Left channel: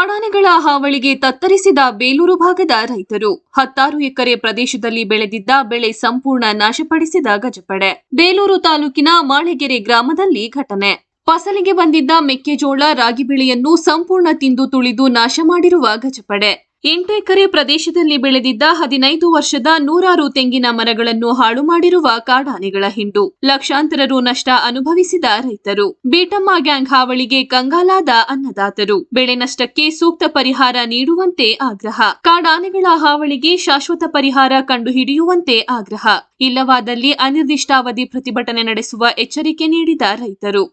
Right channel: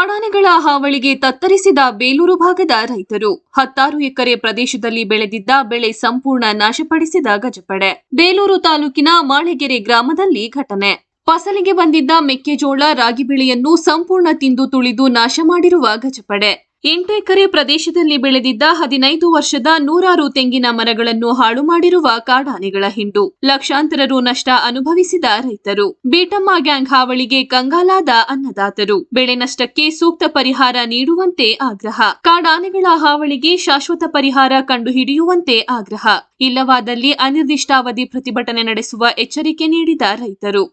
ಕಾಡಾನೆಗಳ ಹಾವಳಿಗೆ ತತ್ತರಿಸಿದ ಬೇಲೂರು ಭಾಗದ ರೈತರು 16 ಎಕರೆ ಪ್ರದೇಶದಲ್ಲಿ ಬೆಳೆದಿದ್ದ ಬೆಳೆ ಸಂಪೂರ್ಣ ನಾಶಪಡಿಸಿದ ಗಜಪಡೆ. ಬೇಲೂರು ತಾಲೂಕಿನ ಮಾಳೆಗೆರೆ ಗ್ರಾಮದಲ್ಲಿ ಘಟನೆ. ಫಸಲಿಗೆ ಬಂದಿದ್ದ ಮೆಕ್ಕೆಜೋಳ, ರಾಗಿ ಬೆಳೆಯನ್ನು ಸಂಪೂರ್ಣ ತಿಂದು ತುಳಿದು ನಾಶ ಮಾಡಿರುವ ಗಜಪಡೆ. 8 ಎಕರೆ ಪ್ರದೇಶದಲ್ಲಿ ಬೆಳೆದಿದ್ದ 15 ವರ್ಷದ 100 ತೆಂಗಿನ ಮರಗಳನ್ನು ಹಾಳು ಮಾಡಿರುವ ಕಾಡಾನೆಗಳ ಹಿಂಡು. ಲಕ್ಷಾಂತರ ರು ನಷ್ಟ ಅನುಭವಿಸಿದ ರೈತರು. ಬೀಟಮ್ಮ ಗ್ಯಾಂಗ್ ಹಾವಳಿಗೆ ಕಂಗಾಲಾದ ಅನ್ನದಾತರು. ಬೆಳೆ ನಷ್ಟಕ್ಕೆ ಸೂಕ್ತ ಪರಿಹಾರ ನೀಡುವಂತೆ ಆಗ್ರಹ. ಕಾಡಾನೆಗಳ ಹಾವಳಿಗೆ ಶಾಶ್ವತ ಪರಿಹಾರ ಕಂಡುಹಿಡಿಯುವಂತೆ ಆಗ್ರಹ. ಇಲ್ಲವಾದಲ್ಲಿ ಅನಿರ್ದಿಷ್ಟಾವಧಿ ಪ್ರತಿಭಟನೆ ನಡೆಸುವ ಎಚ್ಚರಿಕೆ ನೀಡಿದ ರೈತರು.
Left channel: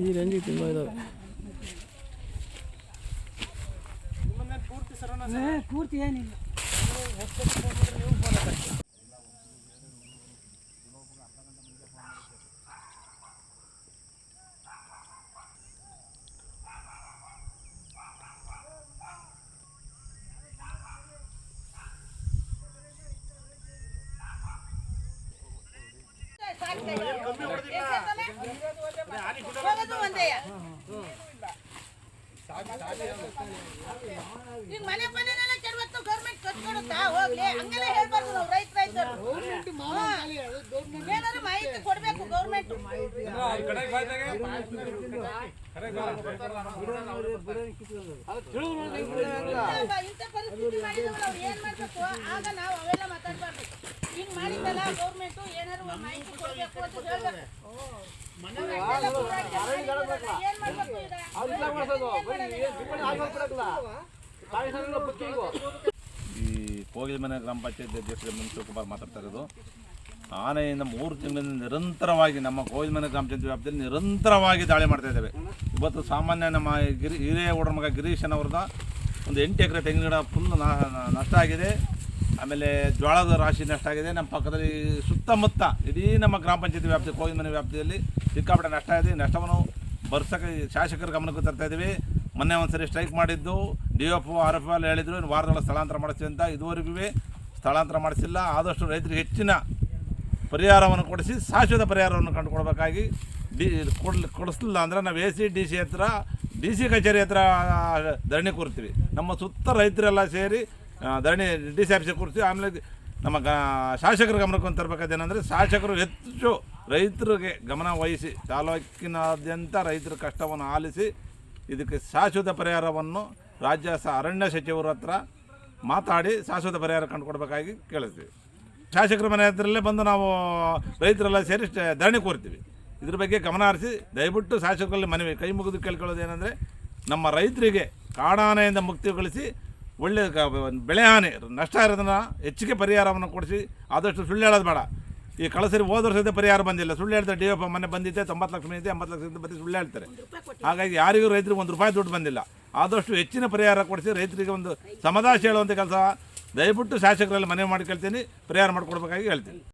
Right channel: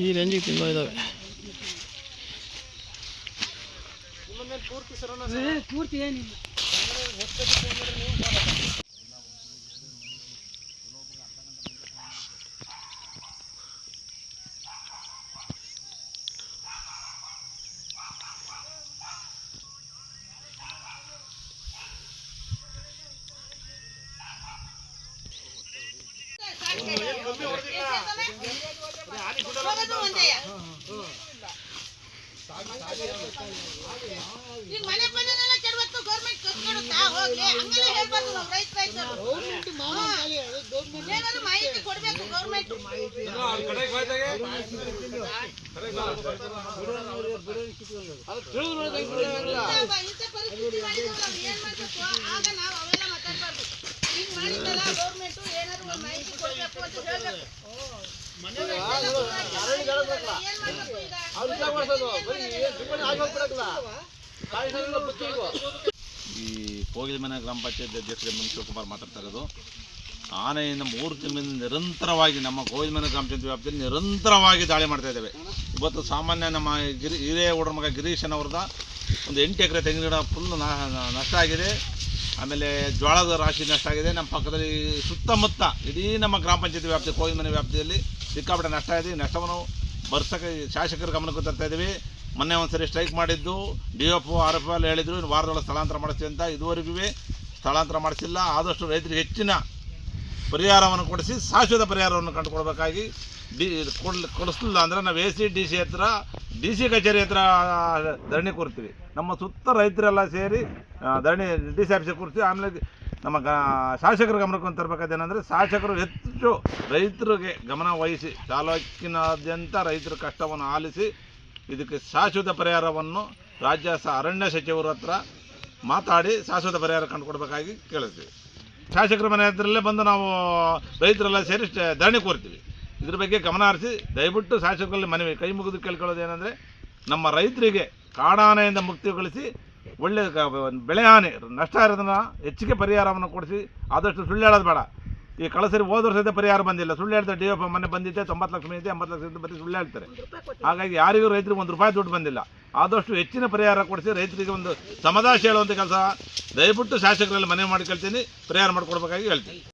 ಈ ರೇಂಜಿಗೆ ತುಂಬ ಇದಾವೆ. ಪೂರ್ತಿ ಏನಿಲ್ಲ. ಈಗ ಮನೆ ಮನೆನೆಲ್ಲ ಕೆಡವತ್ತು ಗೌರ್ಮೆಂಟ್ ಕಟ್ಕೊಡುತ್ತಾ ಹೋಗ್ಲಿ ಹಂಗಲೇ ಹೇಳ್ಬಾರ್ದು ನಾವು ರೈತರು ಏನಾದ್ರು ಮಾಹಿತಿ ಕೊಡಬೇಕು ಗೌರ್ಮೆಂಟ್. ಇಂಥ ಪರಿಸ್ಥಿತಿ ಮಾಡಿದವರು ಅವ್ರು ಏನ್ ಮಾಡ್ಬೇಕು ಆಗ ನಾವು ಅವೆಲ್ಲ ಮಾತಾಡ್ಬಾರ್ದು. ಹಿಂಗ್ ಮಾಡಿದ್ದಲ್ಲ ಗೌರ್ಮೆಂಟ್ ಏನಾದ್ರು ಮಾಹಿತಿ ಕೊಡಬೇಕು ಅಂತ ಹೇಳ್ಬೇಕು. ಈ ಕೋಗಿಲಮನೆ ಗ್ರಾಮ ಪಂಚಾಯತ್ ಅಧ್ಯಕ್ಷ ಶಿವಕುಮಾರ್ ಮಾತಾಡ್ತಾ ಇರೋದು. ಆನೆಯಿಂದ 3 ತಿಂಗಳಿಂದ ನಿರಂತರವಾಗಿ ನಮ್ಮ ಕೋಗಿಲಮನೆ ಗ್ರಾಮ ಪಂಚಾಯತ್ ವ್ಯಾಪ್ತಿಯಲ್ಲಿ ನಿರಂತರವಾಗಿ ದಾಳಿ ಮಾಡ್ತಾ ಇದ್ದೇವೆ. ಇವತ್ತು ಸಾಮಾನ್ಯ ನಮ್ಮ ಹಿರೇಗೌಡರ ಮಗ ಗಿರೀಶನವ್ರದ ಒಂದು 8 ಎಕರೆ ತೆಂಗಿನ ಗಿಡ ಫುಲ್ ನಷ್ಟ ಆಗಿದೆ. ಆಮೇಲೆ ಜೋಳದ ರಾಶಿ ನಷ್ಟ ಆಗಿದೆ. ನಮ್ಮ ಪಕ್ಕದಲ್ಲಿ ಸುತ್ತಮುತ್ತ ಇಡೀ ನಮ್ಮ ಗ್ರಾಮ ಪಂಚಾಯತಿ ವ್ಯಾಪ್ತಿ ಕೋಗಿಲಮನೆ ವ್ಯಾಪ್ತಿಯಲ್ಲಿ ಸಿಕ್ಕಾಪಟ್ಟೆ ನಷ್ಟ ಇದೆ. ನಷ್ಟವನ್ನು ಬರ್ಸಕ್ಕೆ ಶಾಸಕರ ಗಮನಕ್ಕೆ ತರ್ತಾ ಇದ್ದೀವಿ. ಮೊನ್ನೆ ಒಂದ್ಸರಿ ಸ್ಟ್ರೈಕ್ ಮಾಡಿದ್ದು DF RF ಅಲ್ಲಿ ಹೇಳಿದ್ರು ವಾರದೊಳಗೆ ಸ್ಥಳಾಂತರ ಮಾಡಿಸ್ತೀವಿ ಅಂತ. ಇದುವರೆಗೂ ಸ್ಥಳಾಂತರ ಮಾಡಿಸಿಲ್ಲ. ಆದಷ್ಟು ರೈತರಿಗೆ ಹೆಚ್ಚಿನ ಪರಿಹಾರವನ್ನು ಕೊಡಿಸಿ ಶಾಶ್ವತ ಪರಿಹಾರವನ್ನು ಕಂಡುಕೊಡ್ಬೇಕಾಗಿ ಕೊಡಿಸಲಿಲ್ಲ ಅಂದರೆ ನಾವು AC DC ಹತ್ರ DC ಕಚೇರಿ ಹತ್ರ ಧರಣಿ ಕೂರ್ತೀವಿ. ನಮ್ಮ ಸುತ್ತ ರೈತರೆಲ್ಲ ಸೇರಿ ಧರಣಿ DC ಆಫೀಸಿಗೆ ಕೂರಿಸಿ ಆಮೇಲೆ ನಮ್ಮ ಶಾಸಕರ ಗಮನಕ್ಕೆ ತರಬೇಕಾದೇನೆಂದರೆ ಶಾಸಕರು ಹೆಚ್ಚು ರೈತರಿಗೆ ಗಮನ ವಹಿಸಿ ತಾಲೂಕಿನಾದ್ಯಂತ ರೈತರ ಕಷ್ಟವನ್ನು ಆಲಿಸಿ ಇದಕ್ಕೆ ಶಾಶ್ವತ ಪರಿಹಾರವನ್ನು ರಾಜ್ಯ ಅರಣ್ಯ ಸಚಿವರ ಹತ್ರ ಮಾತಾಡಿ ಶಾಶ್ವತ ಪರಿಹಾರ ಕಂಡುಕೊಡ್ಬೇಕಾಗಿ ಕೇಳಿಸ್ತೀವಿ. ಶಾಸಕರ ಮನೆ ಹತ್ರಲ್ಲೇ ಬಂದು ನಾವು ರೈತರೆಲ್ಲ ಸೇರಿ ಧರಣಿ ಕೋರ್ತೀವಿ. ಇದ್ರ ಬಗ್ಗೆ ಗಮನ ಹರಿಸಿ ದಯವಿಟ್ಟು ಶಾಸಕರಲ್ಲಿ ಮನವಿ ಕೈ ಮುಗಿದು ಕೇಳ್ಕೊಳ್ಳೋದೇನೆಂದರೆ ನಮ್ಮ ರೈತರಿಗೆ ಕಾಡಾನೆಯಿಂದ ಮುಕ್ತಿಗೊಳಿಸಿ ಒಳ್ಳೆ ಬೆಳೆ ಹಾನಿ ನಷ್ಟ ಇರೋದನ್ನು ಹೆಚ್ಚಿಗೆ ಪರಿಹಾರವನ್ನು ಕೊಡಿಸಿ ಆದಷ್ಟು ಸುಳ್ಳು ಹೇಳೋದು ಬೇಡ. ಈ ಕಳಸರಿ ಹೋದ ವರ್ಷದ ಪರಿಹಾರ ಬಂದಿಲ್ಲ, ಸುಳ್ಳು ಹೇಳ್ತಾರೆ. DF ಮೊನ್ನೆ ಬಂದಿದ್ದೆ 90 ಲಕ್ಷ ಬಂದಿದೆ, 80 ಲಕ್ಷ ಬರೀ ಸುಳ್ಳು ಹೇಳ್ತಾರೆ. ಹಾಗಾಗಿ ಯಾರಿಗೂ ರೈತರಿಗೆ ₹1 ದುಡ್ಡು ಬಂದಿಲ್ಲ. ಆದಷ್ಟು ಹೆಚ್ಚಿನ ಪರಿಹಾರ ಕೊಡಿಸಿ ರೈತರಿಗೆ ಒಂದು ಸಮಾಧಾನ ಹೇಳುವಂಥ ಕೆಲಸ ದಯವಿಟ್ಟು ಶಾಸಕರಲ್ಲಿ ಮನವಿ ಮಾಡಿ ಕೇಳ್ತೀನಿ, ಪರಿಹಾರ ಮಾಡಿಕೊಡ್ಬೇಕಾಗಿ ಹೇಳ್ತೀನಿ.